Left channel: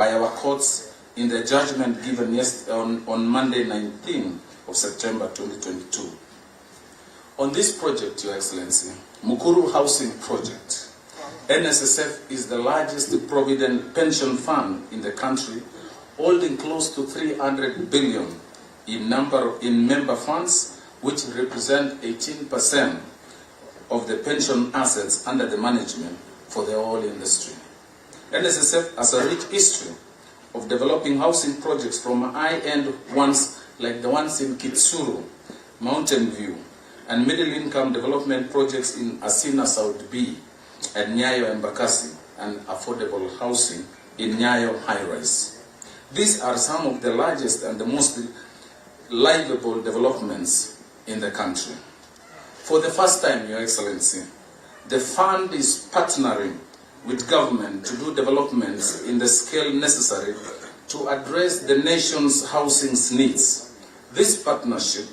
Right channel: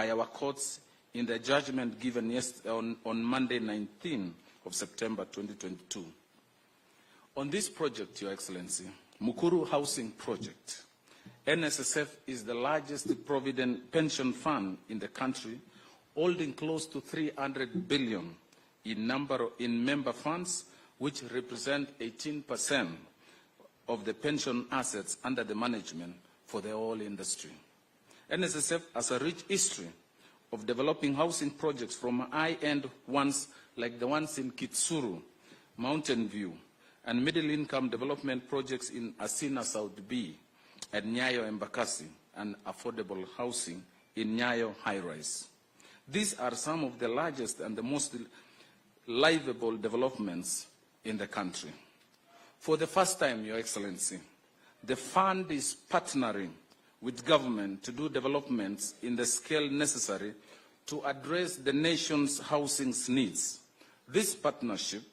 by our courts in the judgment given on Monday, 19th of September 2022. On this project, Your Excellency, Mukuru Housing Project, NSSF is the largest provident pension fund in the country, holding close to 300 billion in member funds, which represent 18% of the pension assets under the management for the oil industry. NSSF has a rich history of developing housing projects from high-end ones like the ones in Kitsuru, Mountain View, and middle-income development projects in Asina South B, and Nyayo and Bakasi, and affordable housing in Nyayo High-Rise. These are some of the largest and the most livable developments in the country. For the first time, Your Excellency, the fund is partnering with government to do developments in the scale necessary to address the nation's housing needs. This partnership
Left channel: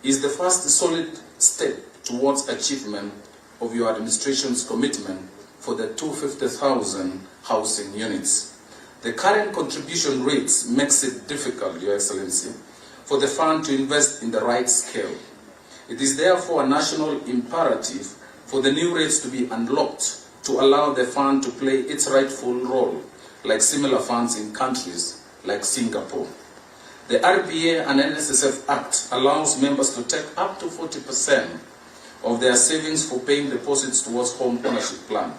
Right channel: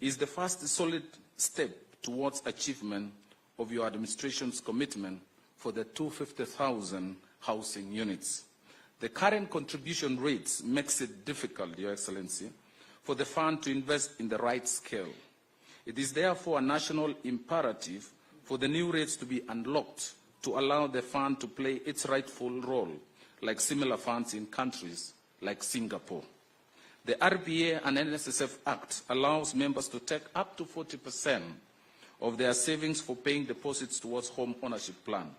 is the first solid step towards achievement of your administration's commitment for the 250,000 housing units. The current contribution rates makes it difficult, Your Excellency, for the fund to invest in the right scale. It is therefore a national imperative for the new rates to be unlocked to allow the fund to play its rightful role, like similar funds in countries like Singapore. The RPA and NSSF Act allows members to take up to 40% of their savings for paying deposits towards home ownership plan.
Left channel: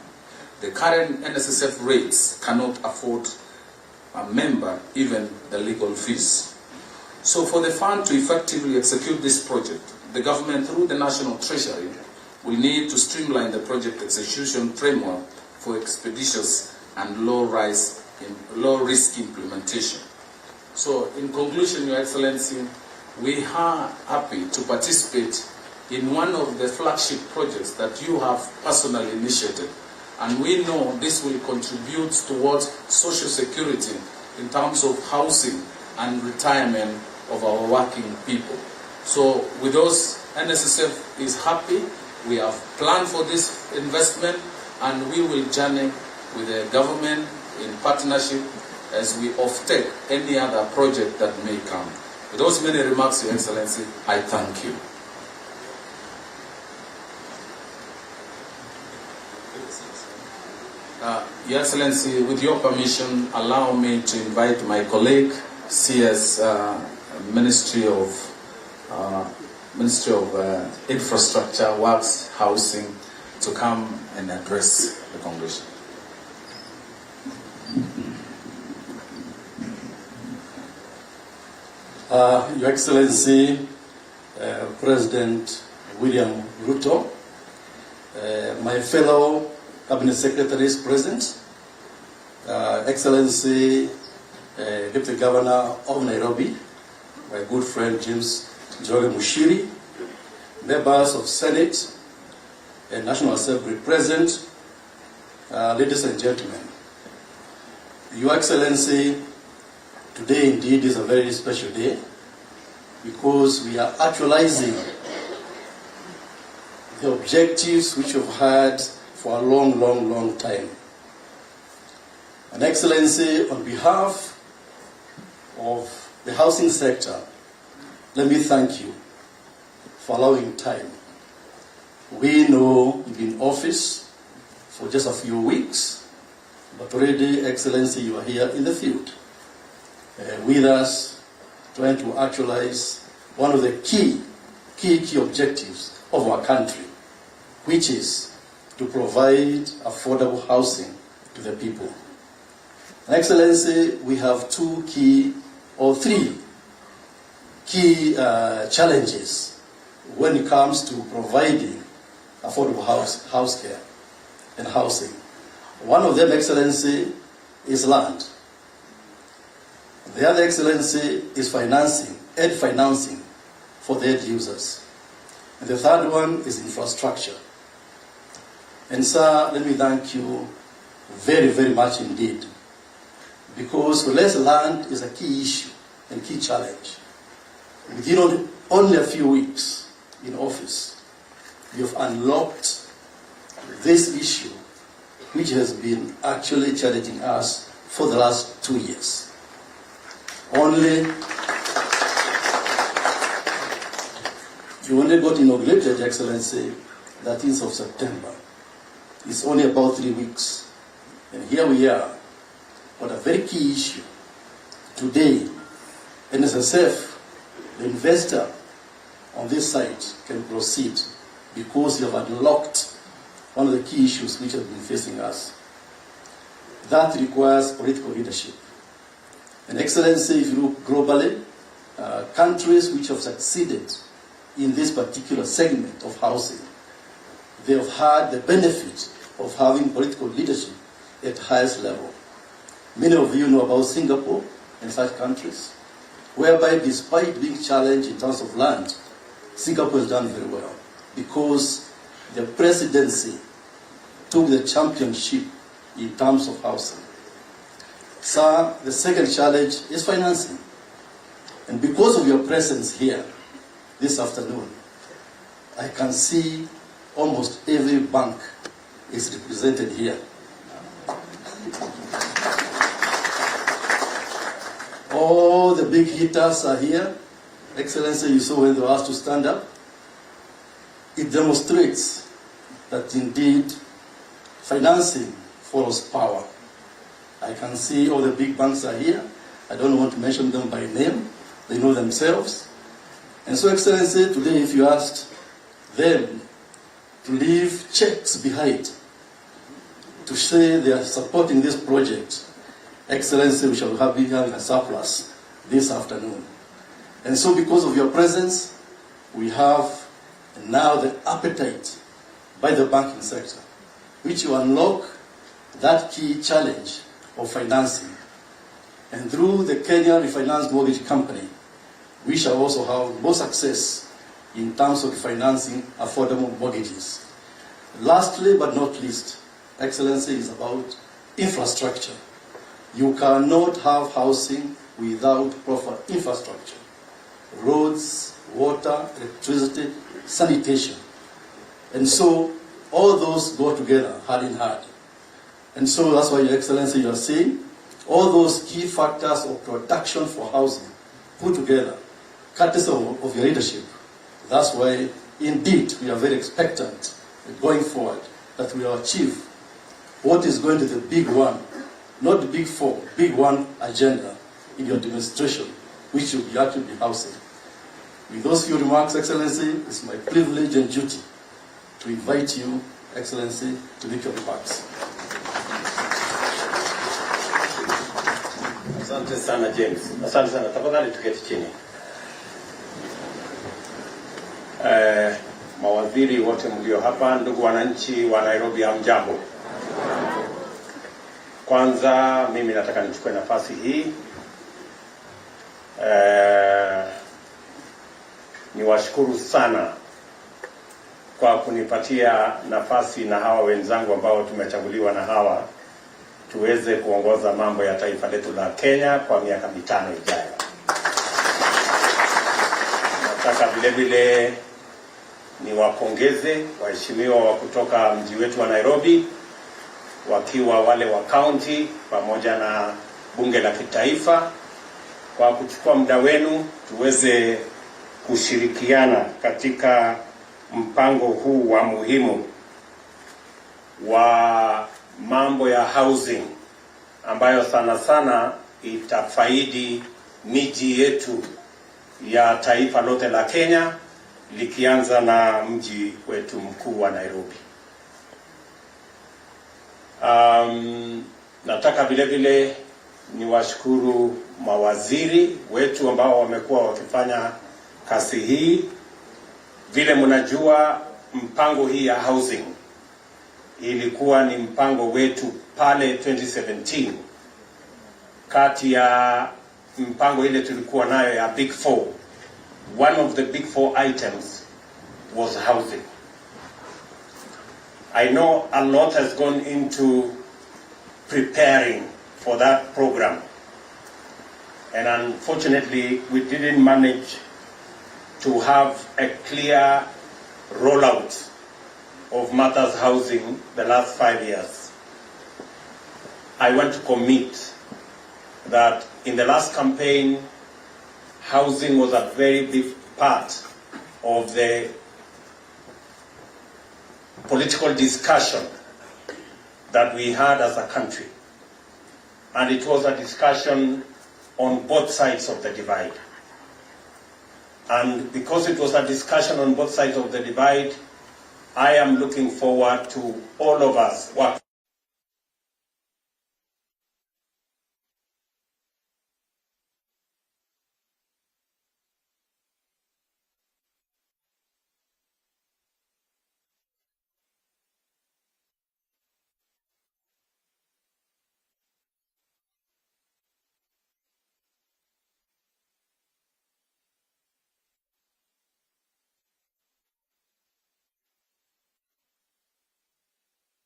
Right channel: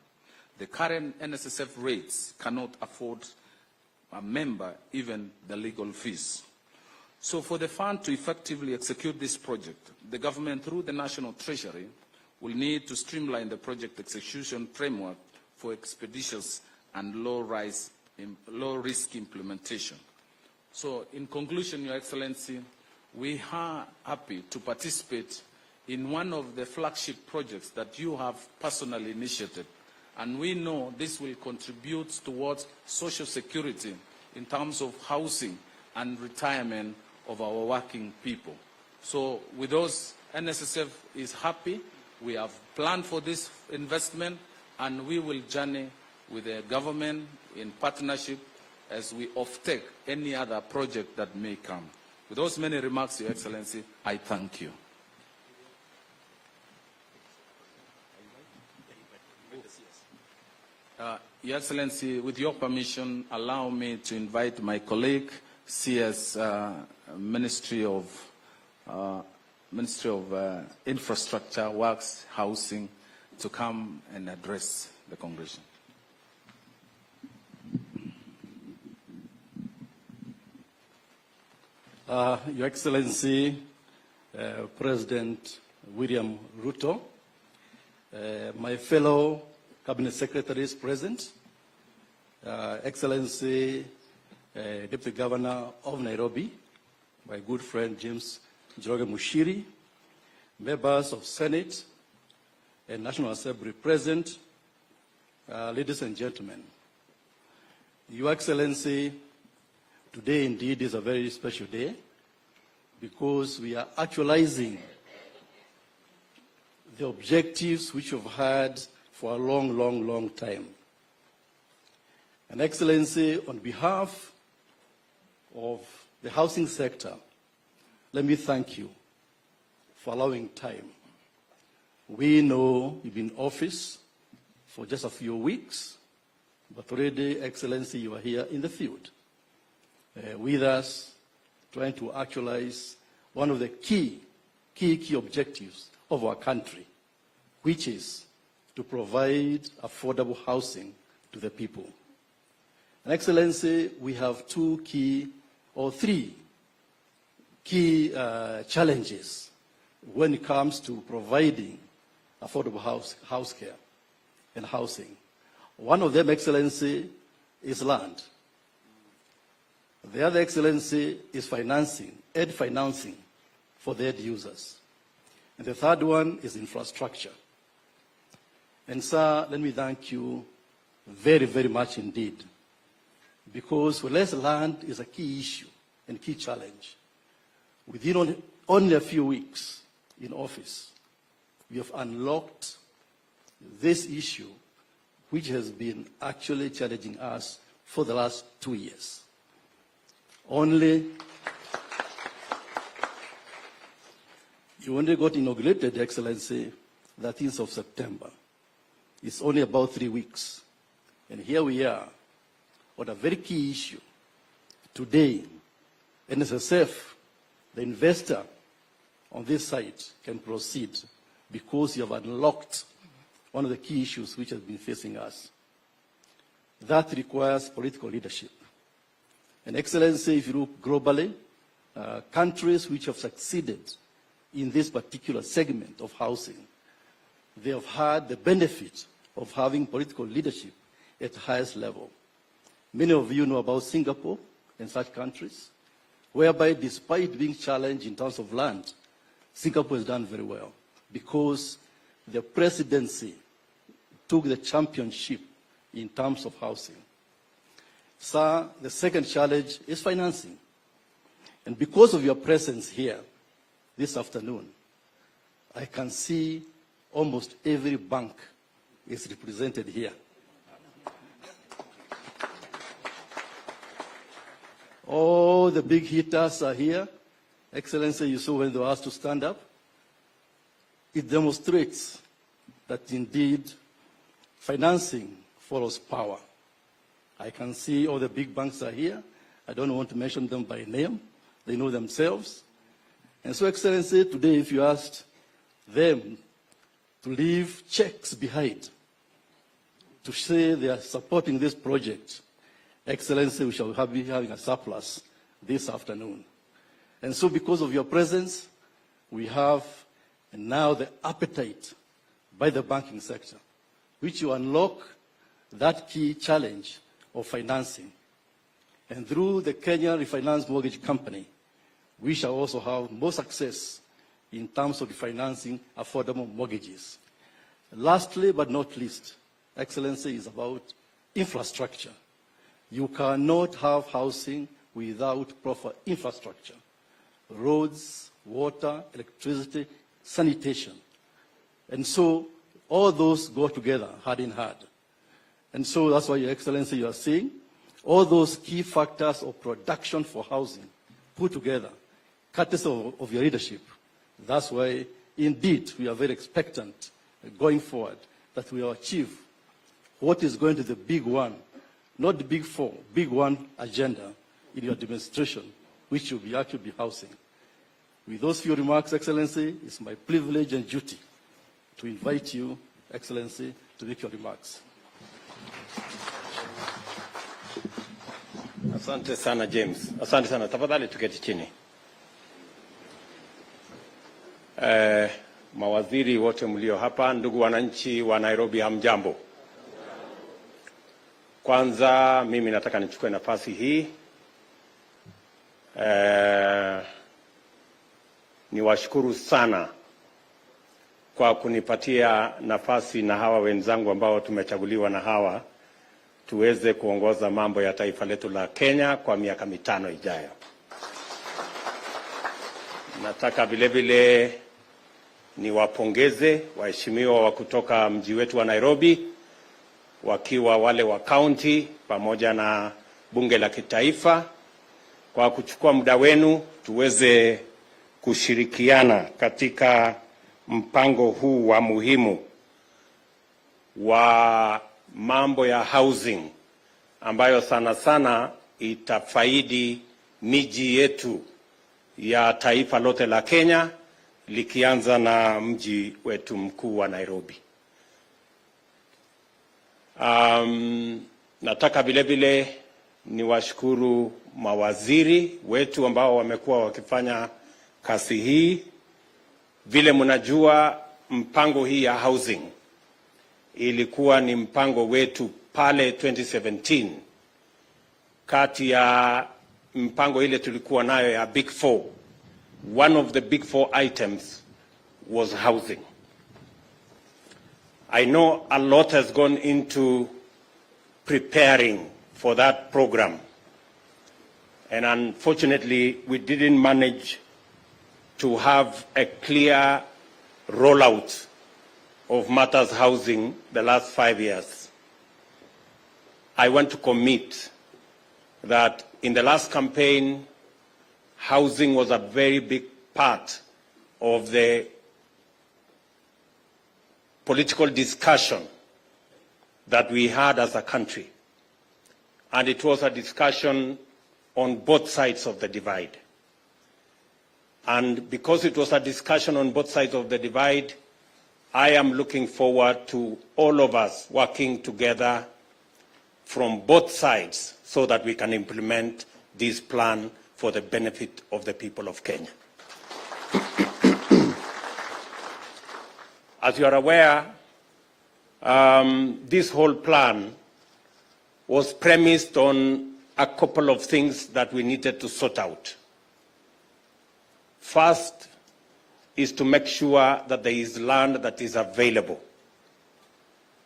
The current NSSF rates cannot afford a member even the legal fees. So for the fund to effectively execute this project, the government through the National Treasury will need to streamline the project execution framework for expeditious and low-risk implementation. So in conclusion, Your Excellency, we are happy to participate in one of the flagship projects that you have personally initiated. And we know this will contribute towards social security in terms of housing and retirement of our working people. So with us, NSSF is happy. We have planned for this investment, and we will journey with the government in partnership as we offtake any other project that may come. With those many remarks, Your Excellency, I thank you. Your Excellency, with your permission, allow me to invite my colleague, CS Ministry of Infrastructure, Works, Housing, to come and address the Congression. Your Excellency, President William Ruto, my fellow Cabinet Secretaries present, Excellency, Deputy Governor of Nairobi, my good friend James Jory Mushiri, members of Senate and National Assembly present, ladies and gentlemen. Your Excellency, today indeed is a very special day because we are actualizing the objectives which we've had for a long time. And Excellency, on behalf of the housing sector, let me thank you for allowing time. We know you've been in office for just a few weeks, but already, Excellency, you are here in the field with us, trying to actualize one of the key objectives of our country, which is to provide affordable housing to the people. Excellency, we have three key challenges when it comes to providing affordable house care and housing. One of them, Excellency, is land. The other, Excellency, is financing for the end users. And the third one is infrastructure. And sir, let me thank you very much indeed, because less land is a key issue and key challenge. Within only a few weeks in office, you have unlocked this issue, which has been actually challenging us for the last 2 years. You only got inaugurated, Excellency, 13th of September. It's only about 3 weeks. And here we are on a very key issue. Today, NSSF, the investor on this site, can proceed because you have unlocked one of the key issues which have been facing us. That requires political leadership. And Excellency, if you look globally, countries which have succeeded in this particular segment of housing, they have had the benefit of having political leadership at highest level. Many of you know about Singapore and such countries, whereby despite being challenged in terms of land, Singapore has done very well because the presidency took the championship in terms of housing. Sir, the second challenge is financing. And because of your presence here this afternoon, I can see almost every bank is represented here. All the big hitters are here. Excellency, you saw when they were asked to stand up. It demonstrates that indeed financing follows power. I can see all the big banks are here. I don't want to mention them by name. They know themselves. And so, Excellency, today if you asked them to leave checks behind to say they are supporting this project, Excellency, we shall be having a surplus this afternoon. And so because of your presence, we have now the appetite by the banking sector, which will unlock that key challenge of financing. And through the Kenya Refinance Mortgage Company, we shall also have more success in terms of financing affordable mortgages. Lastly, but not least, Excellency, is about infrastructure. You cannot have housing without proper infrastructure. Roads, water, electricity, sanitation. And so all those go together, hand in hand. And so that's why, Your Excellency, you are seeing all those key factors of production for housing put together, courtesy of your leadership. That's why, indeed, we are very expectant going forward that we will achieve what is going to be the big one, not the big four, big one agenda in your administration, which will be actually housing. With those few remarks, Excellency, it's my privilege and duty to invite you, Excellency, to make your remarks. Asante sana James. Asante sana. Tafadhali tuketi chini. Mawaziri wote mlio hapa, ndugu wananchi wa Nairobi, hamjambo. Kwanza mimi nataka nichukue nafasi hii niwashukuru sana kwa kunipatia nafasi na hawa wenzangu ambao tumechaguliwa na hawa tuweze kuongoza mambo ya taifa letu la Kenya kwa miaka 5 ijayo. Nataka vile vile niwapongeze waheshimiwa wa kutoka mji wetu wa Nairobi, wakiwa wale wa county pamoja na bunge la kitaifa, kwa kuchukua muda wenu tuweze kushirikiana katika mpango huu wa muhimu wa mambo ya housing ambayo sana sana itafaidi miji yetu ya taifa lote la Kenya, likianza na mji wetu mkuu wa Nairobi. Nataka vile vile niwashukuru mawaziri wetu ambao wamekuwa wakifanya kazi hii. Vile mnajua, mpango hii ya housing ilikuwa ni mpango wetu pale 2017. Kati ya mpango ile tulikuwa nayo ya Big Four, one of the Big Four items was housing. I know a lot has gone into preparing for that program, and unfortunately we didn't manage to have a clear rollout of matters housing the last 5 years. I want to commit that in the last campaign, housing was a very big part of the political discussion that we had as a country. And it was a discussion on both sides of the divide. And because it was a discussion on both sides of the divide, I am looking forward to all of us working together from both sides so that we can implement this plan for the benefit of the people of Kenya. As you are aware, this whole plan was premised on a couple of things that we needed to sort out. First is to make sure that there is land that is available.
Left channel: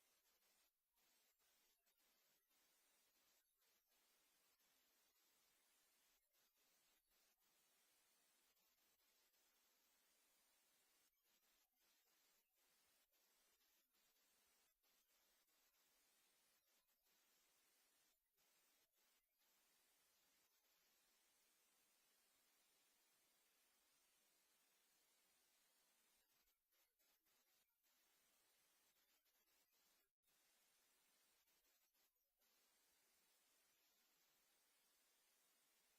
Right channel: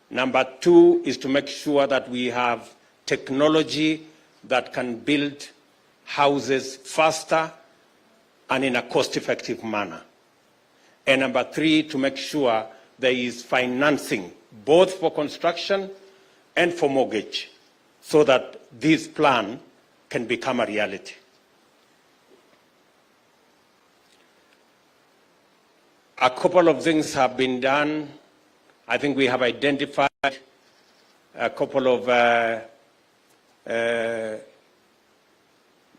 Number two is to make sure that we have technology that can build houses faster and in a cost-effective manner. And number three, to make sure there is financing, both for construction and for mortgage, so that this plan can become a reality. A couple of things have been done. I think we have identified a couple of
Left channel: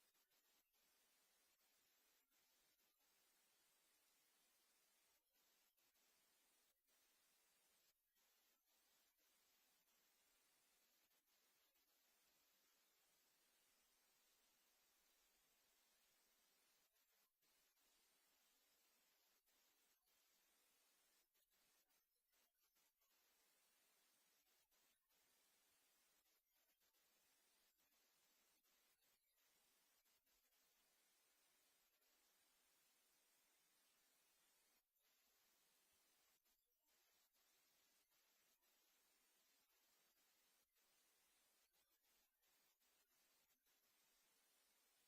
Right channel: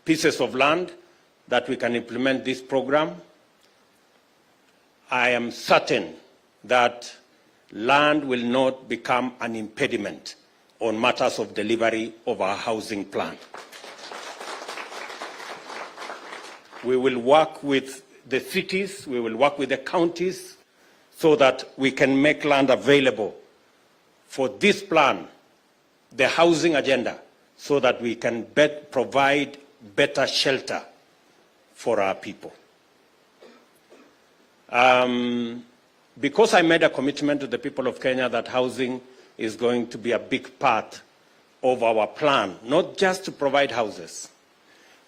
pieces of land that we can implement this program. I am certain that land will not become an impediment on matters of delivery of our housing plan. We will work with the cities, we will work with the counties so that we can make land available for this plan, the housing agenda, so that we can provide better shelter for our people. Because I made a commitment to the people of Kenya that housing is going to be a big part of our plan, not just to provide houses,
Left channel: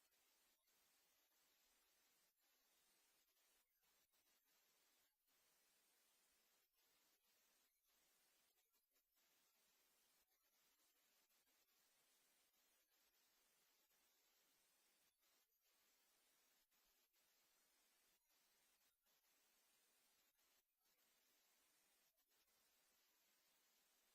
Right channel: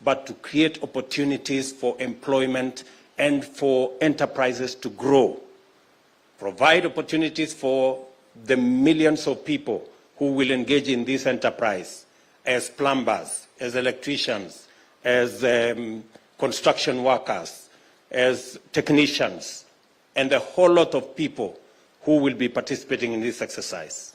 but to create opportunities for employment and for enterprises to grow, provide opportunities for the millions of people who will engage in this enterprise as plumbers, as electricians, as construction workers, as technicians, and a whole lot of people who will be participating in this exercise.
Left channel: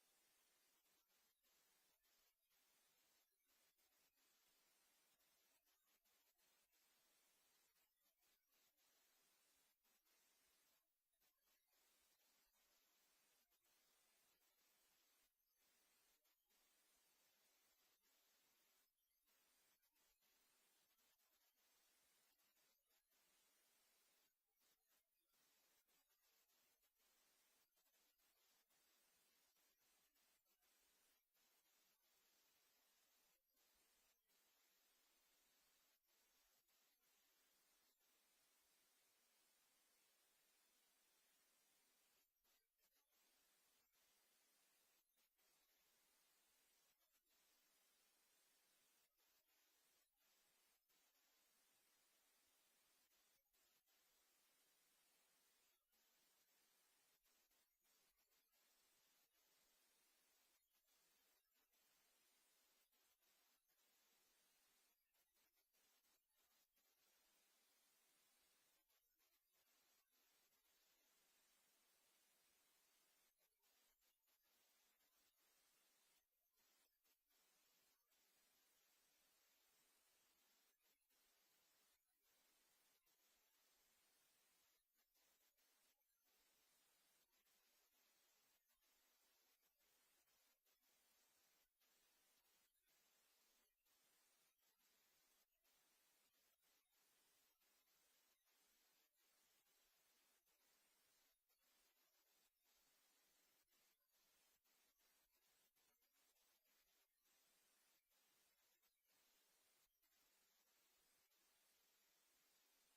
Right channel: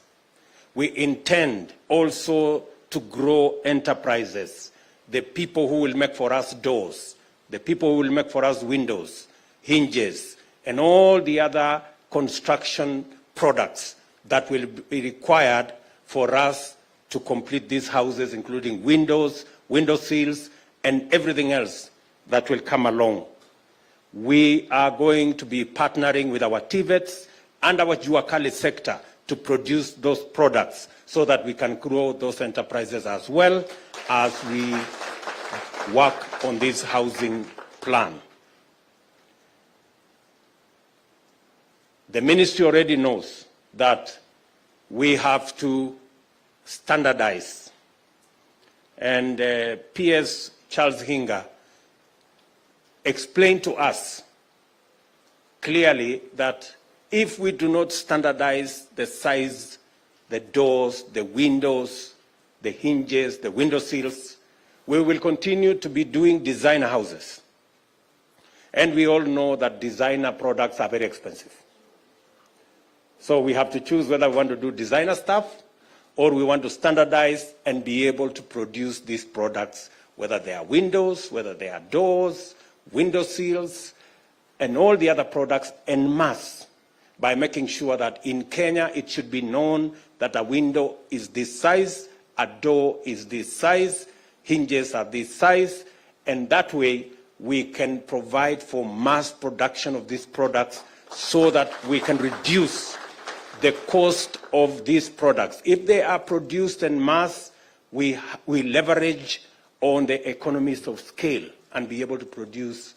We intend also to grow enterprises, the people who will make for us doors, the people who will make for us windows, hinges, and all the other construction products that will be required for us to complete these houses, including windows, window sills, and everything else that will come along. We are going to be partnering with our TVETs and our Juakali sector to produce those products so that we can grow those enterprises as well as we work on this housing plan. The ministry already knows that we have to standardize. And PS Charles Hinga explained to us clearly that if we do not standardize the size, the doors, the windows, the hinges, the window sills, we will continue to be doing designer houses. And we all know that designer products are very expensive. So we have to choose whether we want to do designer stuff or we want to standardize and be able to produce these products, whether they are windows, whether they are doors, window sills, and all the other products en masse, by making sure that in Kenya it should be known that a window is this size, a door is this size, hinges are this size, and that way we can provide for mass production of these products so that we can reduce the cost of these products. If they are produced en masse, we leverage on the economies of scale and be able to produce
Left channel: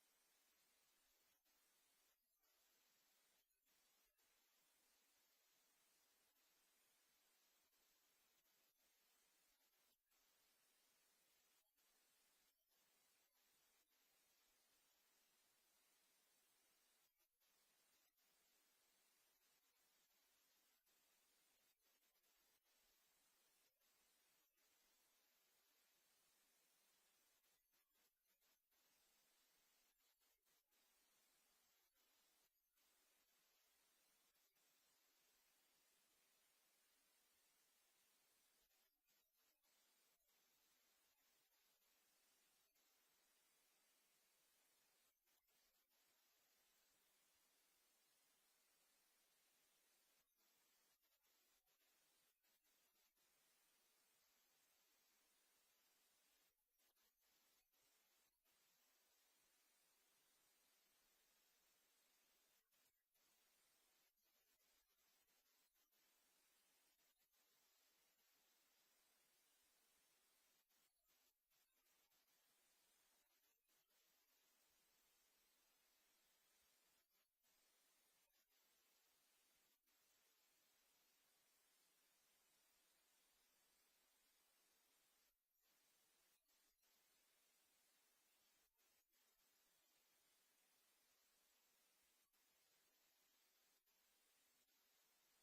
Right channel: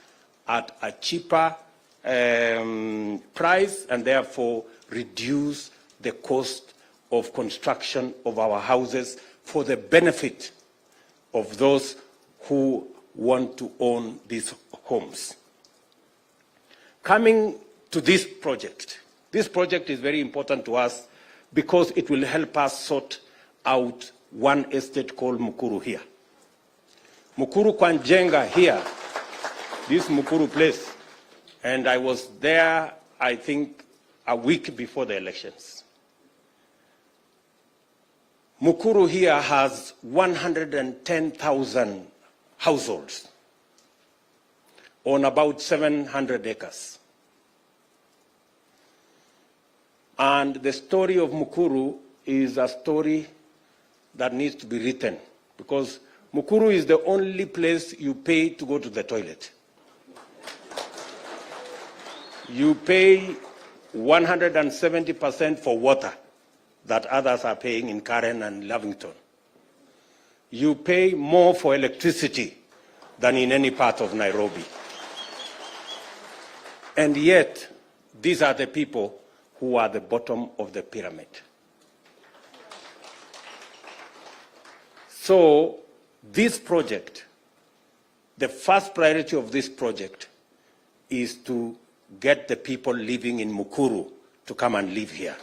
at a cheaper price and therefore reduce the cost of construction of our houses for the benefit of those who want to own these homes. Coming to this project is very important to us because it will help us sort out one estate called Mukuru here. Mukuru Kwanjenga here, this Mukuru place, and I was there, I think, a week before the elections. Mukuru here has 110,000 households on about 700 acres. And the story of Mukuru is a story that needs to be written, because Mukuru is the only place you pay to go to the toilet. You pay 170% for water that others are paying in Karen and Lavington. You pay more for electricity than in any part of Nairobi. And yet, these are the people who are the bottom of the pyramid. So, this project, the first priority of this project is to get the people living in Mukuru to come and live here.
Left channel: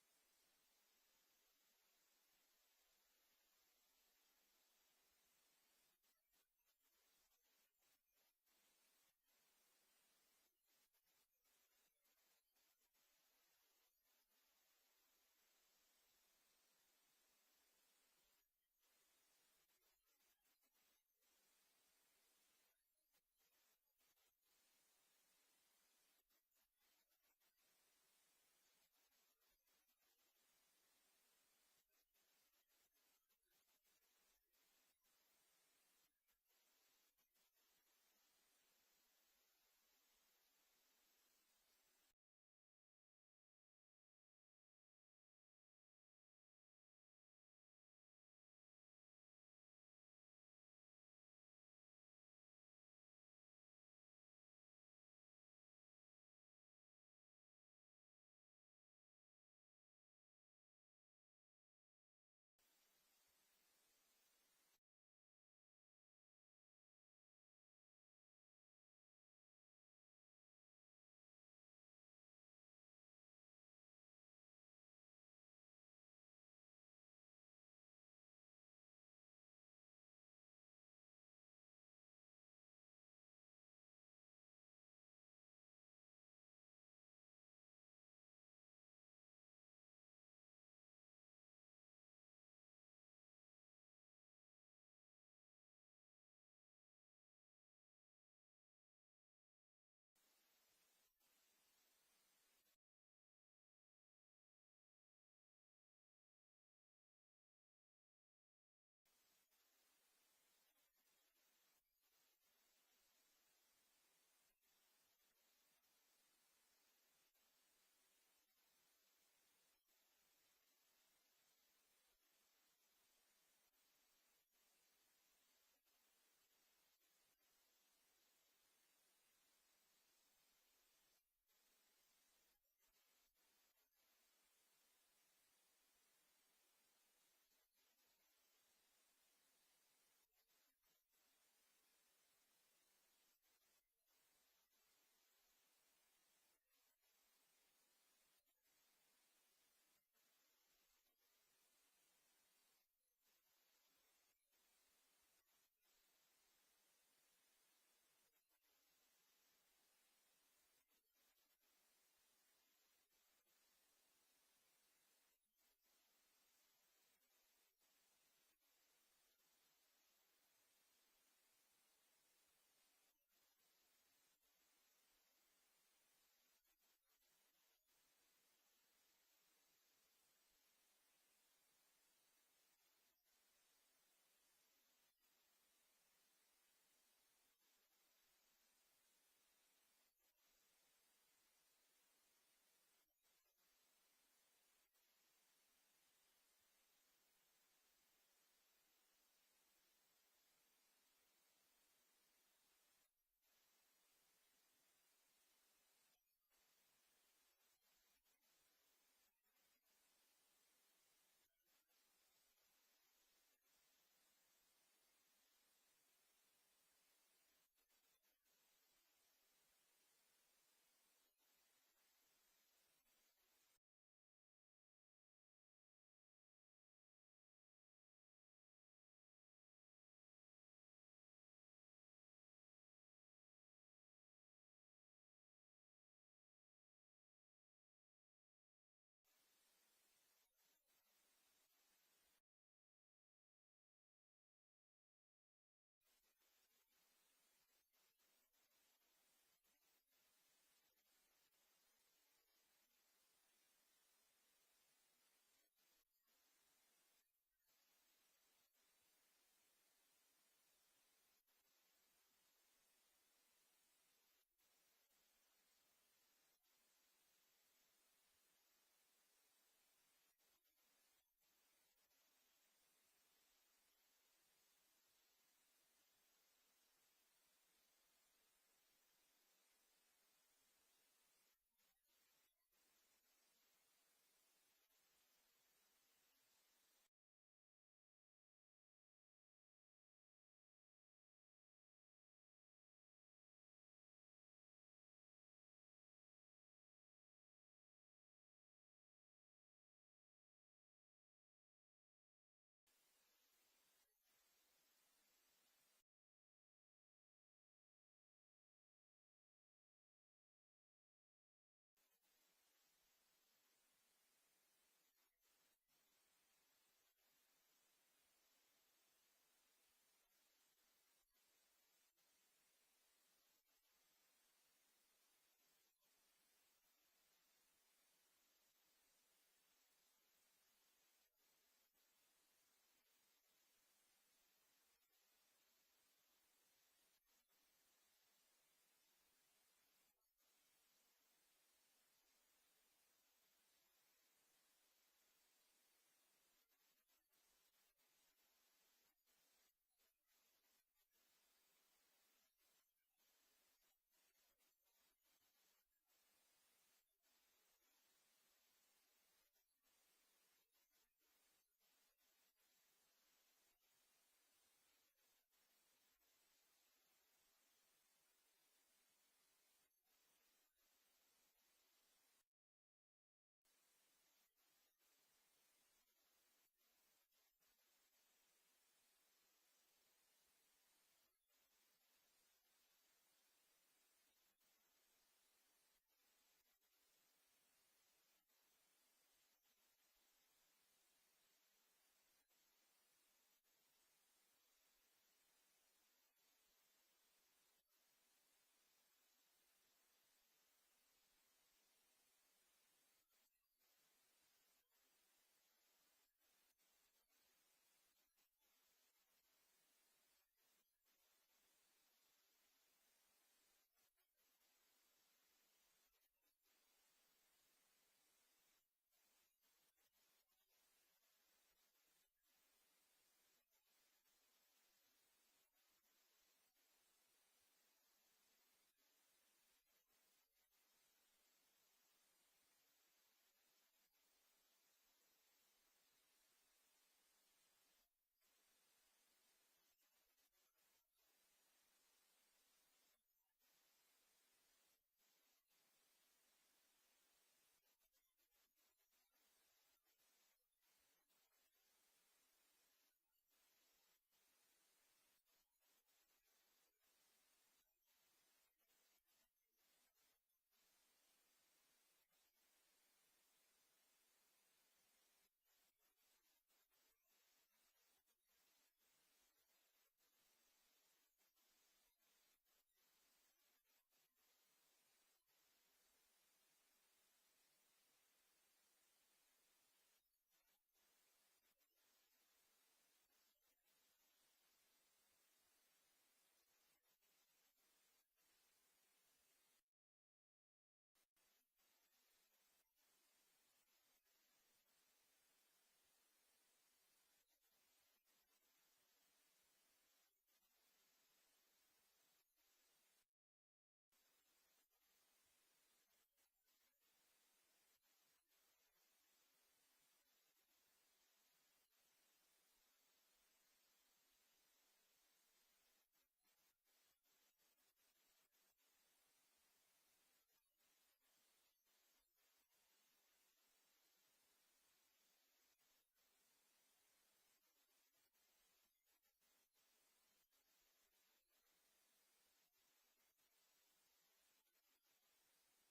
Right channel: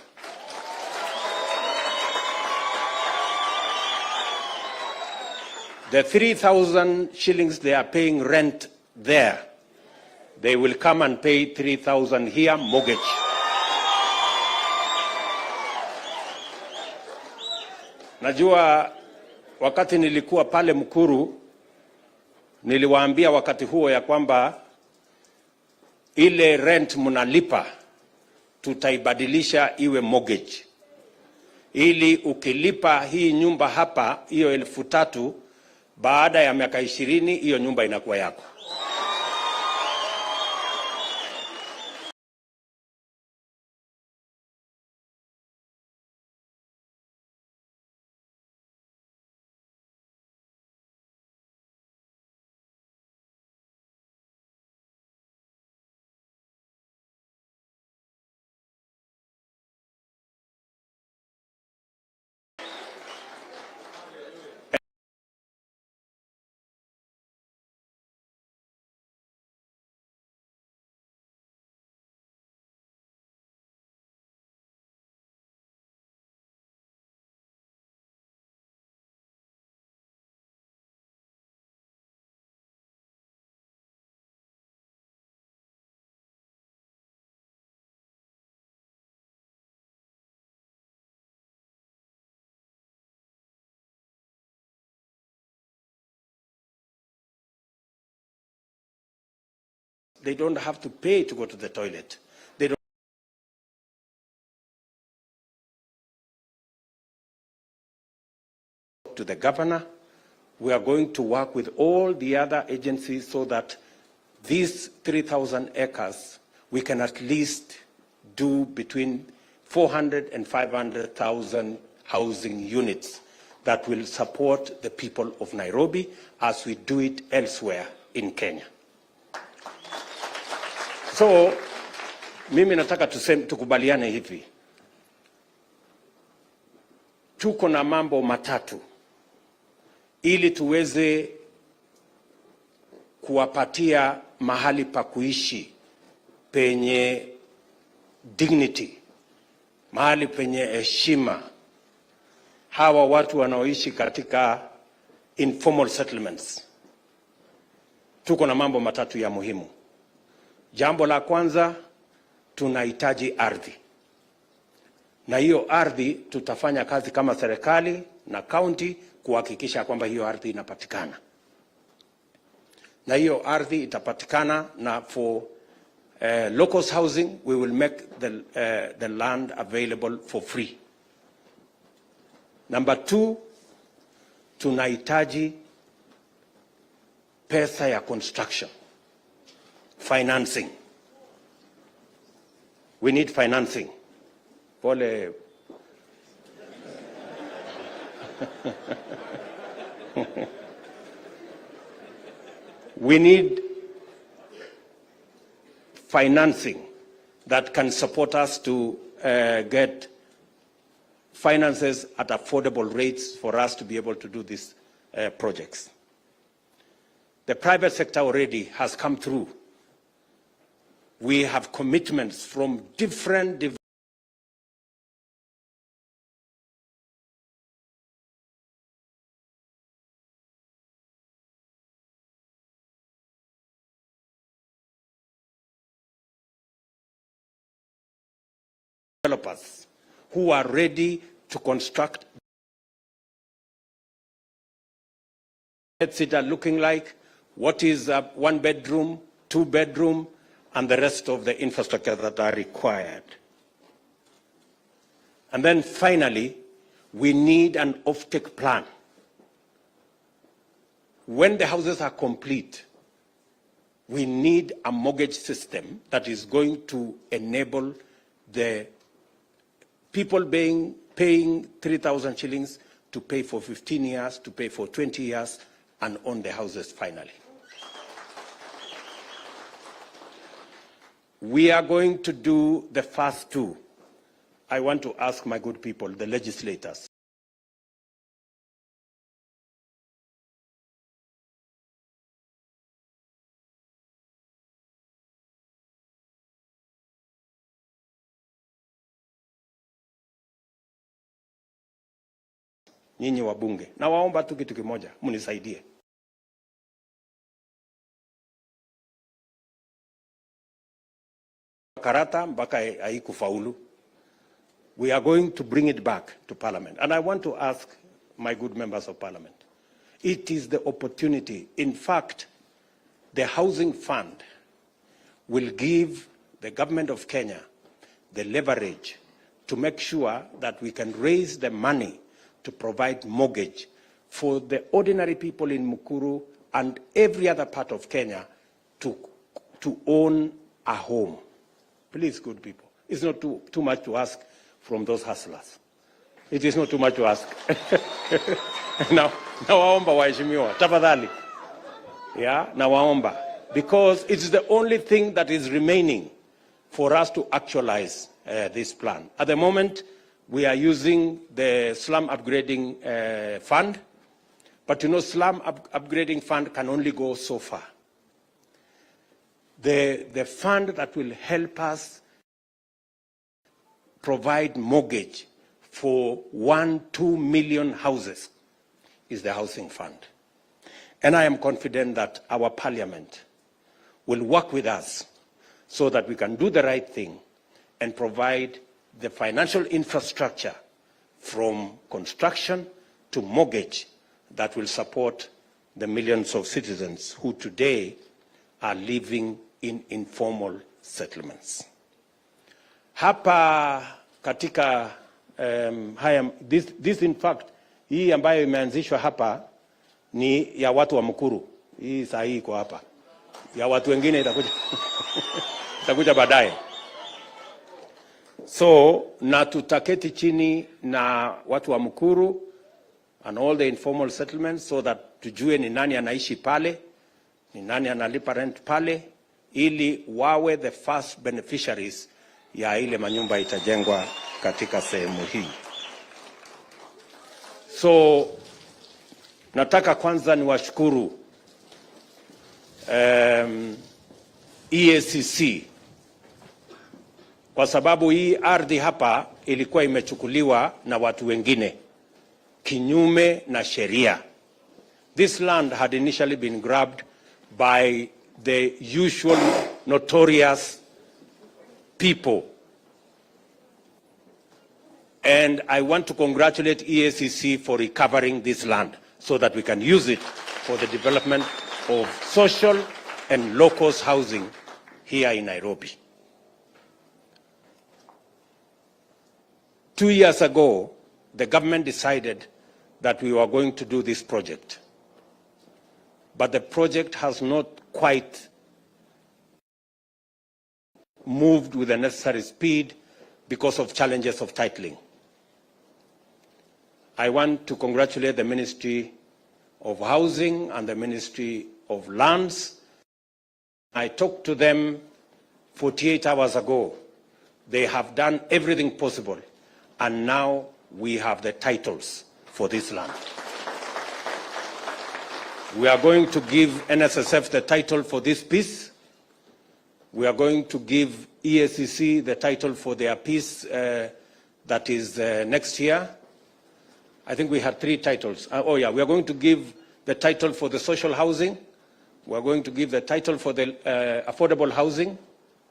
The 3,000 shillings they are paying rent there, they will come and pay 3,000 here mortgage. Najua wakati nilikuwa pale Mukuru, niliwaambia wakati huo ya kwamba ile rent mnalipa tutaibadilisha iwe mortgage, ili ukilipa hii nyumba hapa hiyo 3,000, baada ya miaka 20 hiyo nyumba inakuwa yako. They don't have to pay to go to the toilet. They don't to the governor. We are going to work with all the other agencies so that these 3,000 acres, we can at least do between 400 and 500,000 housing units that will support the people of Nairobi as we do it elsewhere in Kenya. So, mimi nataka tukubaliane hivi. Tuko na mambo matatu ili tuweze kuwapatia mahali pa kuishi penye dignity, mahali penye heshima hawa watu wanaoishi katika informal settlements. Tuko na mambo matatu ya muhimu. Jambo la kwanza, tunahitaji ardhi. Na hiyo ardhi tutafanya kazi kama serikali na county kuhakikisha kwamba hiyo ardhi inapatikana. Na hiyo ardhi itapatikana, na for locals housing we will make the land available for free. Number 2, tunahitaji pesa ya construction. Financing. We need financing. Pole. We need financing that can support us to get finances at affordable rates for us to be able to do these projects. The private sector already has come through. We have commitments from different developers who are ready to construct. What's it looking like? What is a 1 bedroom, 2 bedroom, and the rest of the infrastructure that are required. And then finally, we need an offtake plan. When the houses are complete, we need a mortgage system that is going to enable the people paying 3,000 shillings to pay for 15 years, to pay for 20 years, and own the houses finally. We are going to do the first two. I want to ask my good people, the legislators, nyinyi wabunge, na waomba tu kitu kimoja, munisaidie. Karata mpaka haikufaulu. We are going to bring it back to Parliament. And I want to ask my good members of Parliament, it is the opportunity. In fact, the Housing Fund will give the government of Kenya the leverage to make sure that we can raise the money to provide mortgage for the ordinary people in Mukuru and every other part of Kenya to own a home. Please, good people, it's not too much to ask from those hustlers. It is not too much to ask. Now waomba waheshimiwa, tafadhali. Yeah, now waomba. Because it's the only thing that is remaining for us to actualize this plan. At the moment, we are using the slum upgrading fund, but you know, slum upgrading fund can only go so far. The fund that will help us provide mortgage for 1-2 million houses is the Housing Fund. And I am confident that our Parliament will work with us so that we can do the right thing and provide the financial infrastructure from construction to mortgage that will support the millions of citizens who today are living in informal settlements. Hapa katika this in fact, hii ambayo imeanzishwa hapa ni ya watu wa Mukuru. Hii saa hii iko hapa. Ya watu wengine itakuja itakuja baadaye. So na tutaketi chini na watu wa Mukuru and all the informal settlements so that tujue ni nani anaishi pale, ni nani analipa rent pale, ili wawe the first beneficiaries ya ile manyumba itajengwa katika sehemu hii. So nataka kwanza niwashukuru EACC kwa sababu hii ardhi hapa ilikuwa imechukuliwa na watu wengine kinyume na sheria. This land had initially been grabbed by the usual notorious people. And I want to congratulate EACC for recovering this land so that we can use it for the development of social and low-cost housing here in Nairobi. 2 years ago, the government decided that we were going to do this project. But the project has not quite moved with the necessary speed because of challenges of titling. I want to congratulate the Ministry of Housing and the Ministry of Lands. I talked to them 48 hours ago. They have done everything possible, and now we have the titles for this land. We are going to give NSSF the title for this piece. We are going to give EACC the title for their piece that is next year. I think we had 3 titles. We are going to give the title for the social housing. We are going to give the title for the affordable housing.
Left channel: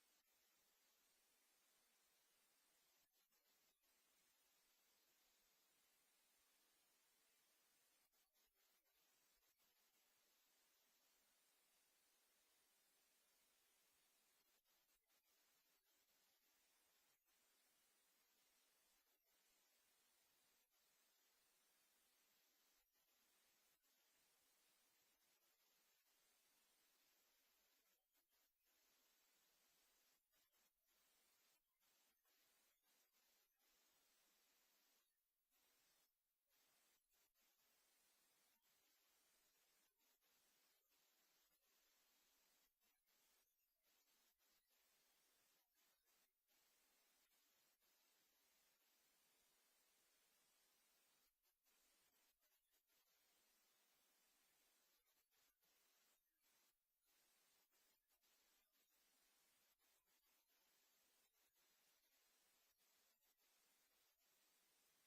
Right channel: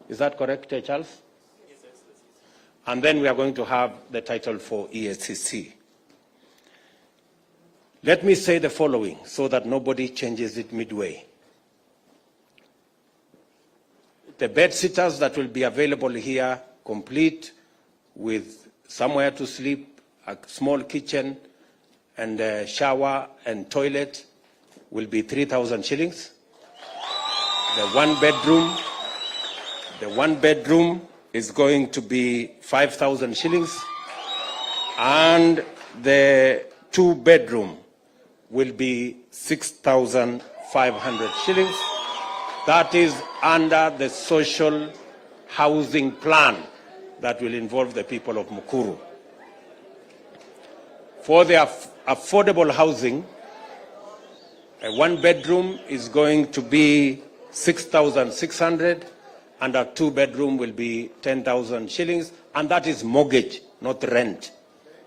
Is that correct, Charles? Yes. and then we are going to have the title for EACC. Let me say the following so that nobody changes it midway. The bed sitters that will be available here, complete with somewhere to sleep, a small kitchen, and a shower and toilet, will be 3,000 shillings. The one bedroom is going to be 5,000 shillings, and the 2-bedroom will be 6,500 shillings. That is under the social housing plan that will involve the people of Mukuru. For the affordable housing, a 1-bedroom is going to be 6,600, and a 2-bedroom will be 10,000 shillings, and that is mortgage, not rent.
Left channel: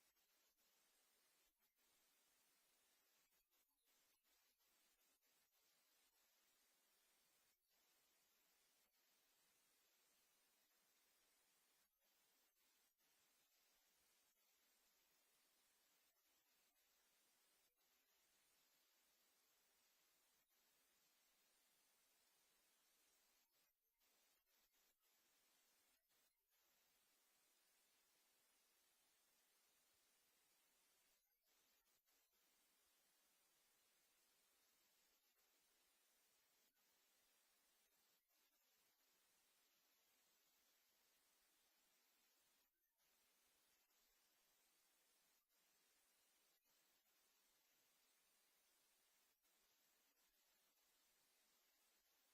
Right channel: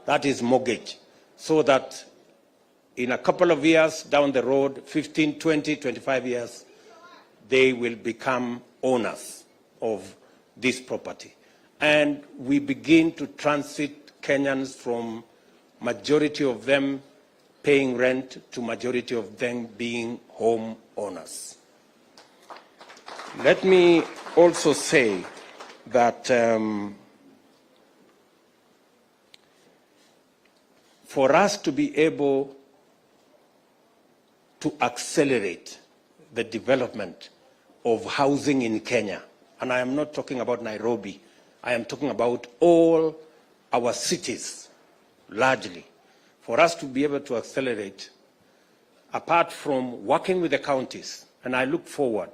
That is mortgage, so that in a couple of years down the road, 15, 20, 25 years, they will become owners of this property. And we begin to transit Kenyans from majority of them paying rent to majority of them being home owners. Let me also say that for us to be able to accelerate the development of housing in Kenya, and I am not talking about Nairobi, I am talking about all our cities, largely. For us to be able to accelerate, apart from working with the counties, and I look forward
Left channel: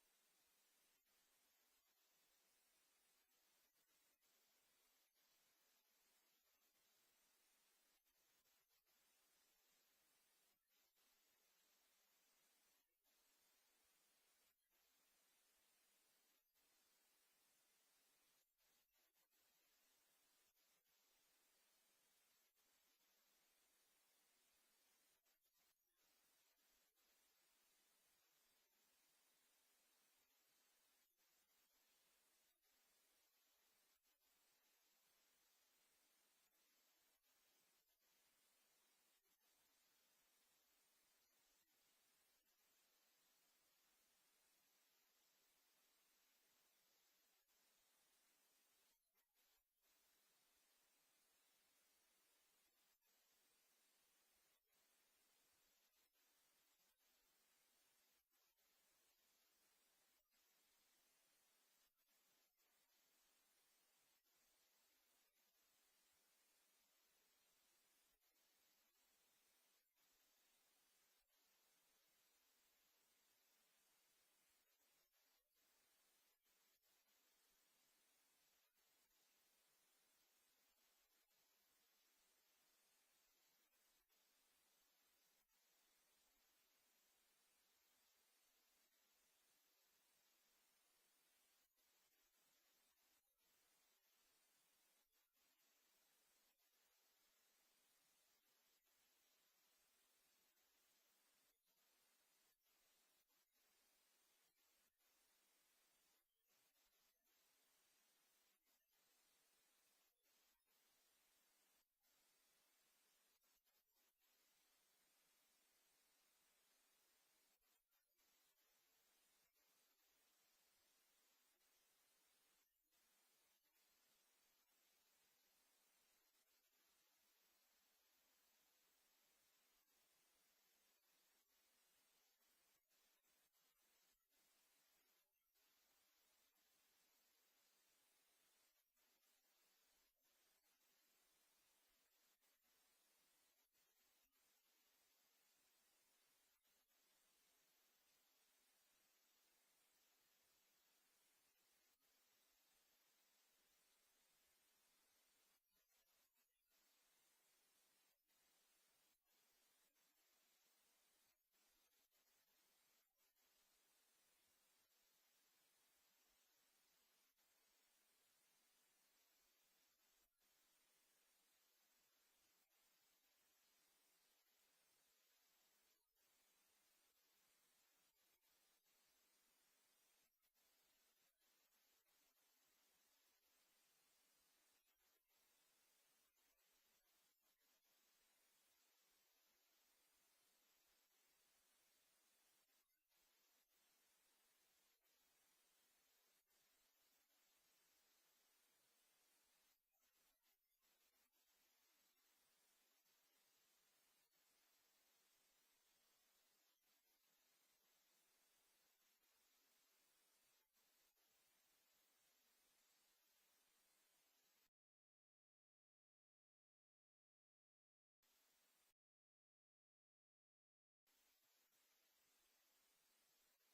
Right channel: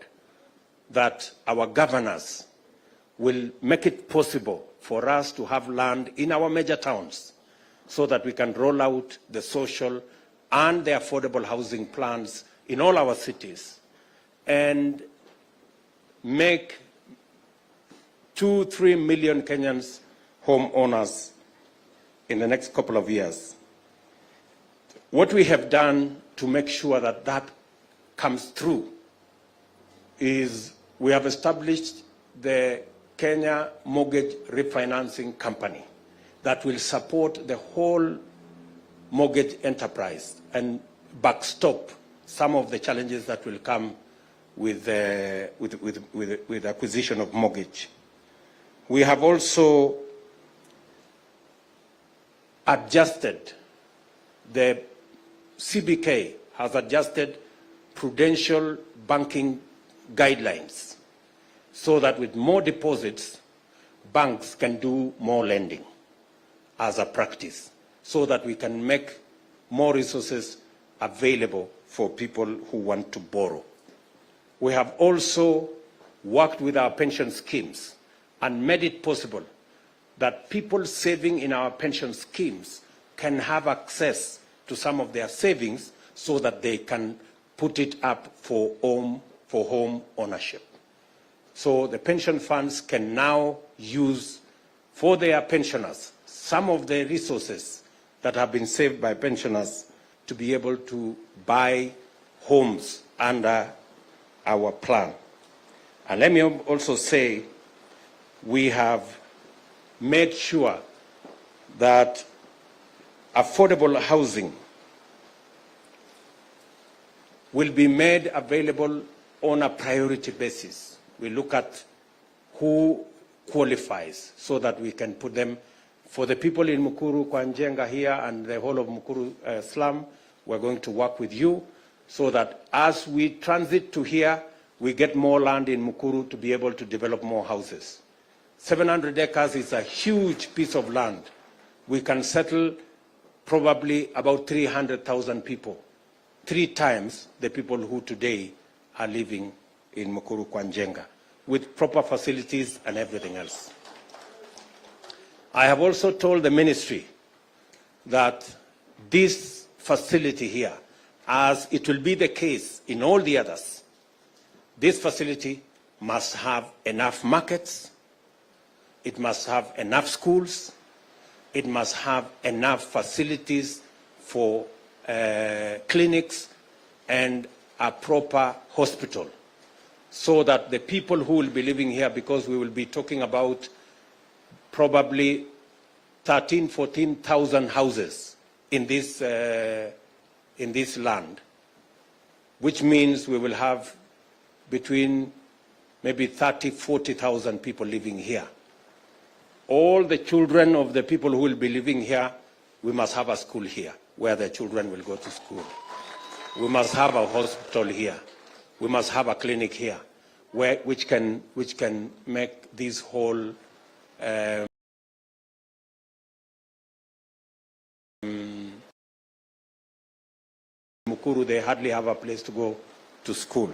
that our governors will make it possible for us to have land in our major towns so that we can roll out the social and the affordable housing plans in all our cities and make 2-3 million Kenyans homeowners in the next couple of years. What we have done to make sure that that comes through is we have established the Kenya Mortgage Refinancing Company that will support the whole mortgage enterprise and backstop some of the challenges that will come with acquisition of mortgage. We have also adjusted, the CBK has adjusted prudential banking guidelines so that with more deposits, banks can do more lending as a practice, so that we can make more resources available for people who want to borrow. We have also worked with our pension schemes and made it possible that people saving in our pension schemes can have access to some of their savings so that they can put it up for home ownership. So the pension funds can now use for their pensioners some of the resources that have been saved by pensioners to be able to buy homes under our plan. And let me also say, we have made sure that affordable housing will be made available on a priority basis. We look at who qualifies so that we can put them. For the people in Mukuru, Kwanjenga here and the whole of Mukuru slum, we're going to work with you so that as we transit to here, we get more land in Mukuru to be able to develop more houses. 700 acres is a huge piece of land. We can settle probably about 300,000 people, 3 times the people who today are living in Mukuru Kwanjenga, with proper facilities and everything else. I have also told the ministry that this facility here, as it will be the case in all the others, this facility must have enough markets, it must have enough schools, it must have enough facilities for clinics and a proper hospital, so that the people who will be living here, because we will be talking about probably 14,000 houses in this land, which means we will have between maybe 40,000 people living here. All the children of the people who will be living here, we must have a school here where the children will go to school. We must have a hospital here. We must have a clinic here, which can make this whole Mukuru, they hardly have a place to go to school.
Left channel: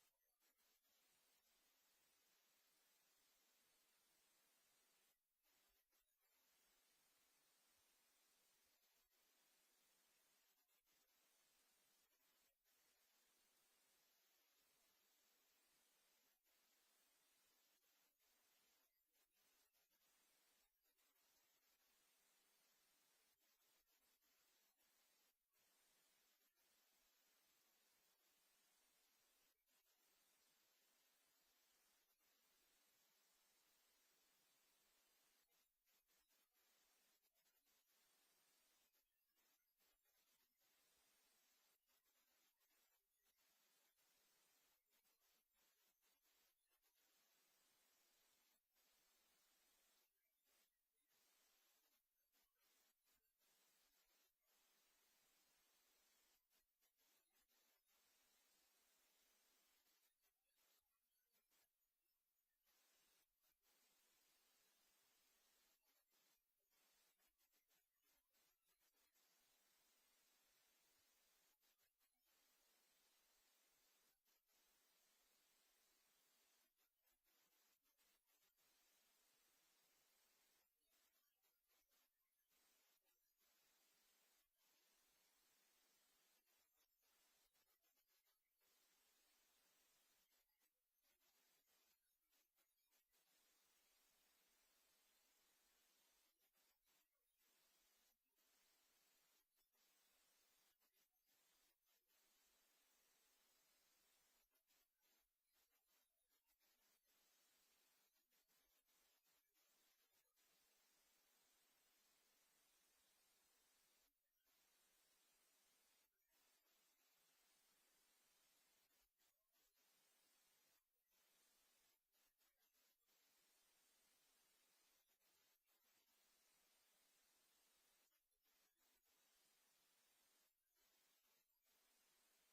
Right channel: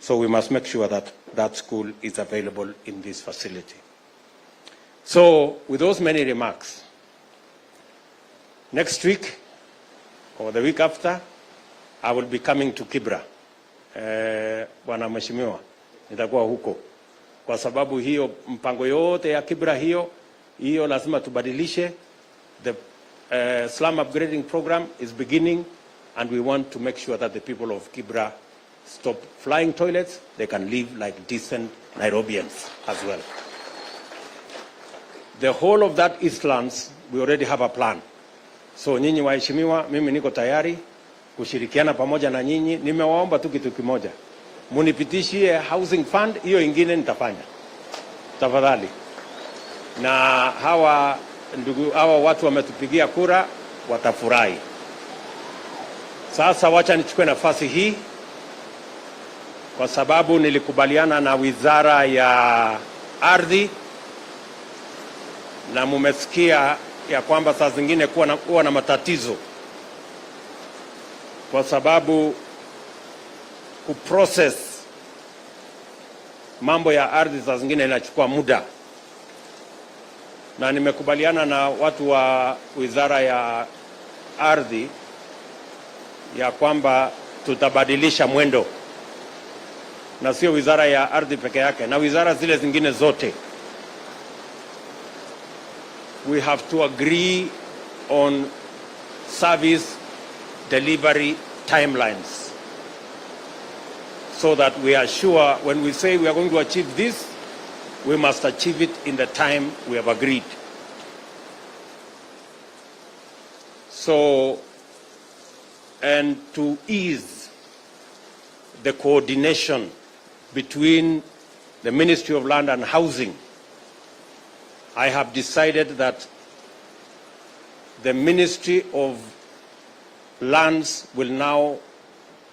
So we must make sure that that school is available in this facility. So with those many remarks, next week or the week after, I will be coming to Kibra. Bwana Mheshimiwa, nitakuwa huko. Kwa sababu hiyo mpango yote ya Kibra hiyo lazima tubadilishe. The slum upgrading program is beginning, and we want to make sure that the people of Kibra stop flying toilets. They can live like decent Nairobians as well. The whole of that Eastlands, we already have a plan. So nyinyi waheshimiwa, mimi niko tayari kushirikiana pamoja na nyinyi. Nimewaomba tu kitu kimoja, munipitishie housing fund, hiyo ingine nitafanya tafadhali. Na hawa watu wametupigia kura, watafurahi. Sasa wacha nichukue nafasi hii, kwa sababu nilikubaliana na Wizara ya Ardhi, na mumesikia ya kwamba saa zingine kuwa na matatizo, kwa sababu kuprocess mambo ya ardhi saa zingine inachukua muda, na nimekubaliana na watu wa Wizara ya Ardhi ya kwamba tutabadilisha mwendo, na sio Wizara ya Ardhi peke yake, na wizara zile zingine zote. We have to agree on service delivery timelines, so that we are sure when we say we are going to achieve this, we must achieve it in the time we have agreed. So, and to ease the coordination between the Ministry of Land and Housing, I have decided that the Ministry of Lands will now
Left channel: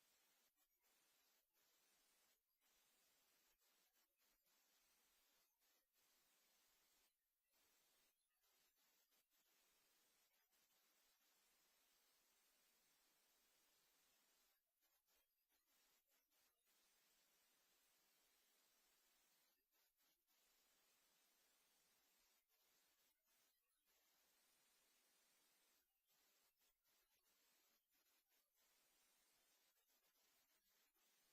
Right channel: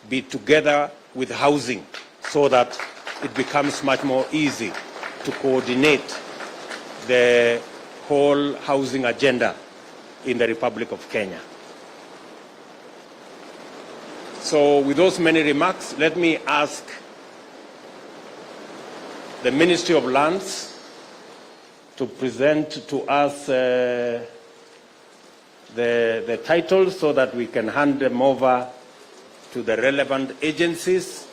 be together with Housing, so that it becomes much more easy to coordinate the whole housing agenda in the Republic of Kenya. So with those many remarks, let me ask the Ministry of Lands to present to us the titles, so that we can hand them over to the relevant agencies,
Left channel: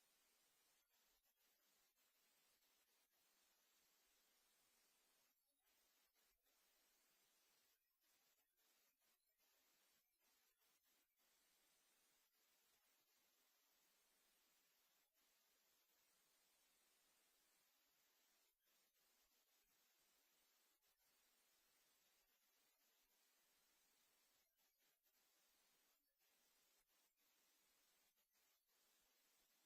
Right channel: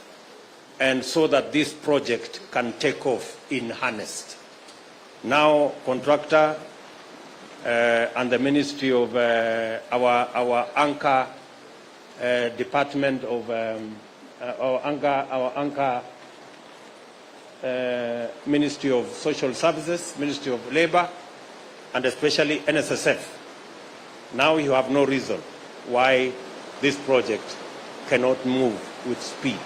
and so that this project can take off in earnest. Now, contractor and the Ministry of our anchor department of our anchor Ministry of Social Services, Ministry of Labor, and especially NSSF. Now you have no reason why this project cannot move with speed.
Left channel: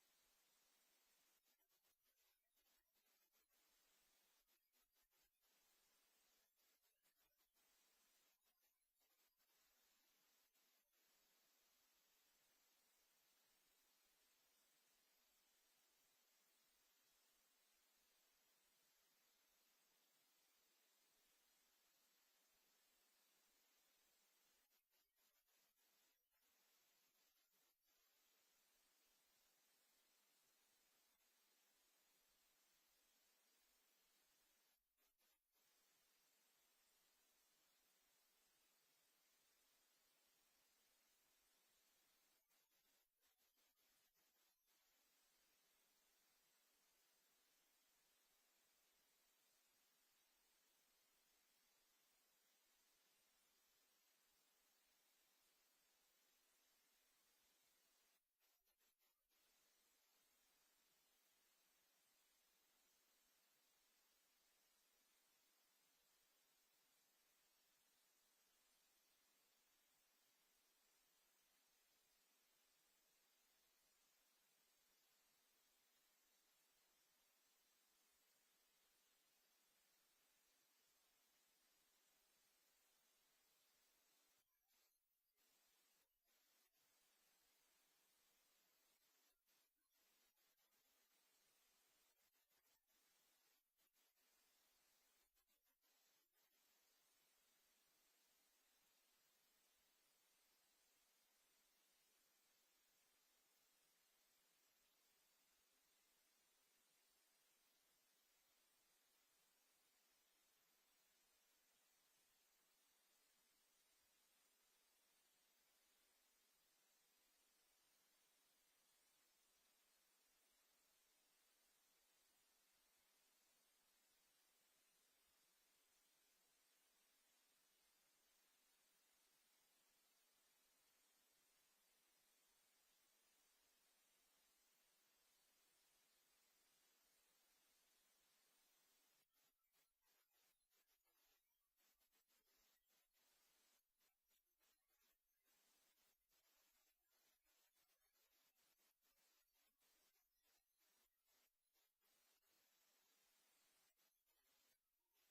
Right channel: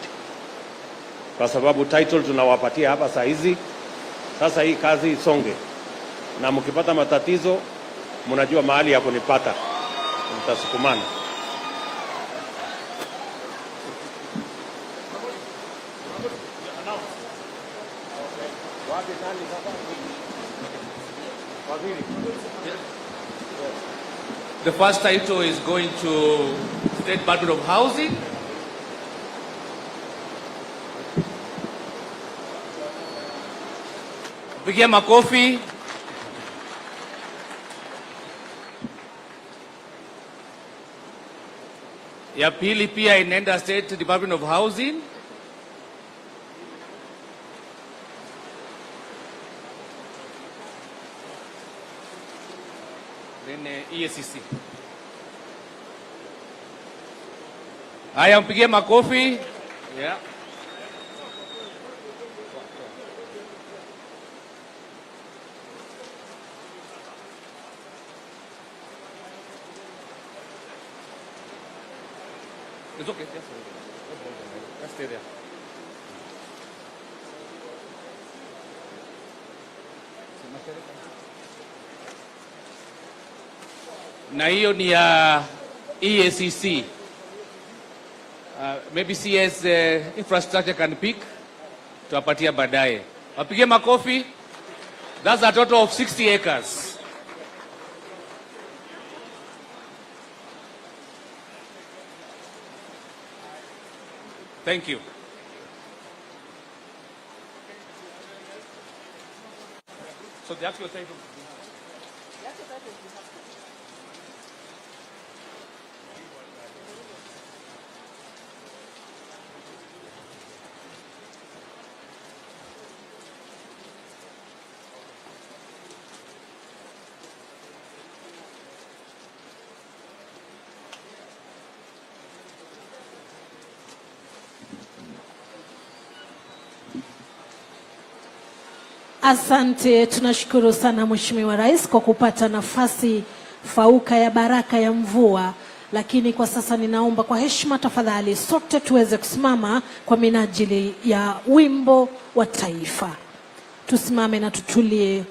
Kwa sababu title tunawapatia hapa saa hizi, sasa hii kazi isonge. Na mkipata matatizo, mnajua mahali ya kunipata. Mtasukumana. The first title is going to State Department of Housing. Pigia makofi. Ya pili pia inaenda State Department of Housing. EACC. Haya, mpigie makofi. Yeah. It's okay. Just stay there. Na hiyo ni ya EACC. Maybe CS infrastructure can pick. Tuwapatia baadaye. Wapige makofi. That's a total of 60 acres. Thank you. So the actual title. Asante, tunashukuru sana Mheshimiwa Rais kwa kupata nafasi fauka ya baraka ya mvua, lakini kwa sasa ninaomba kwa heshima tafadhali sote tuweze kusimama kwa minajili ya wimbo wa taifa. Tusimame na tutulie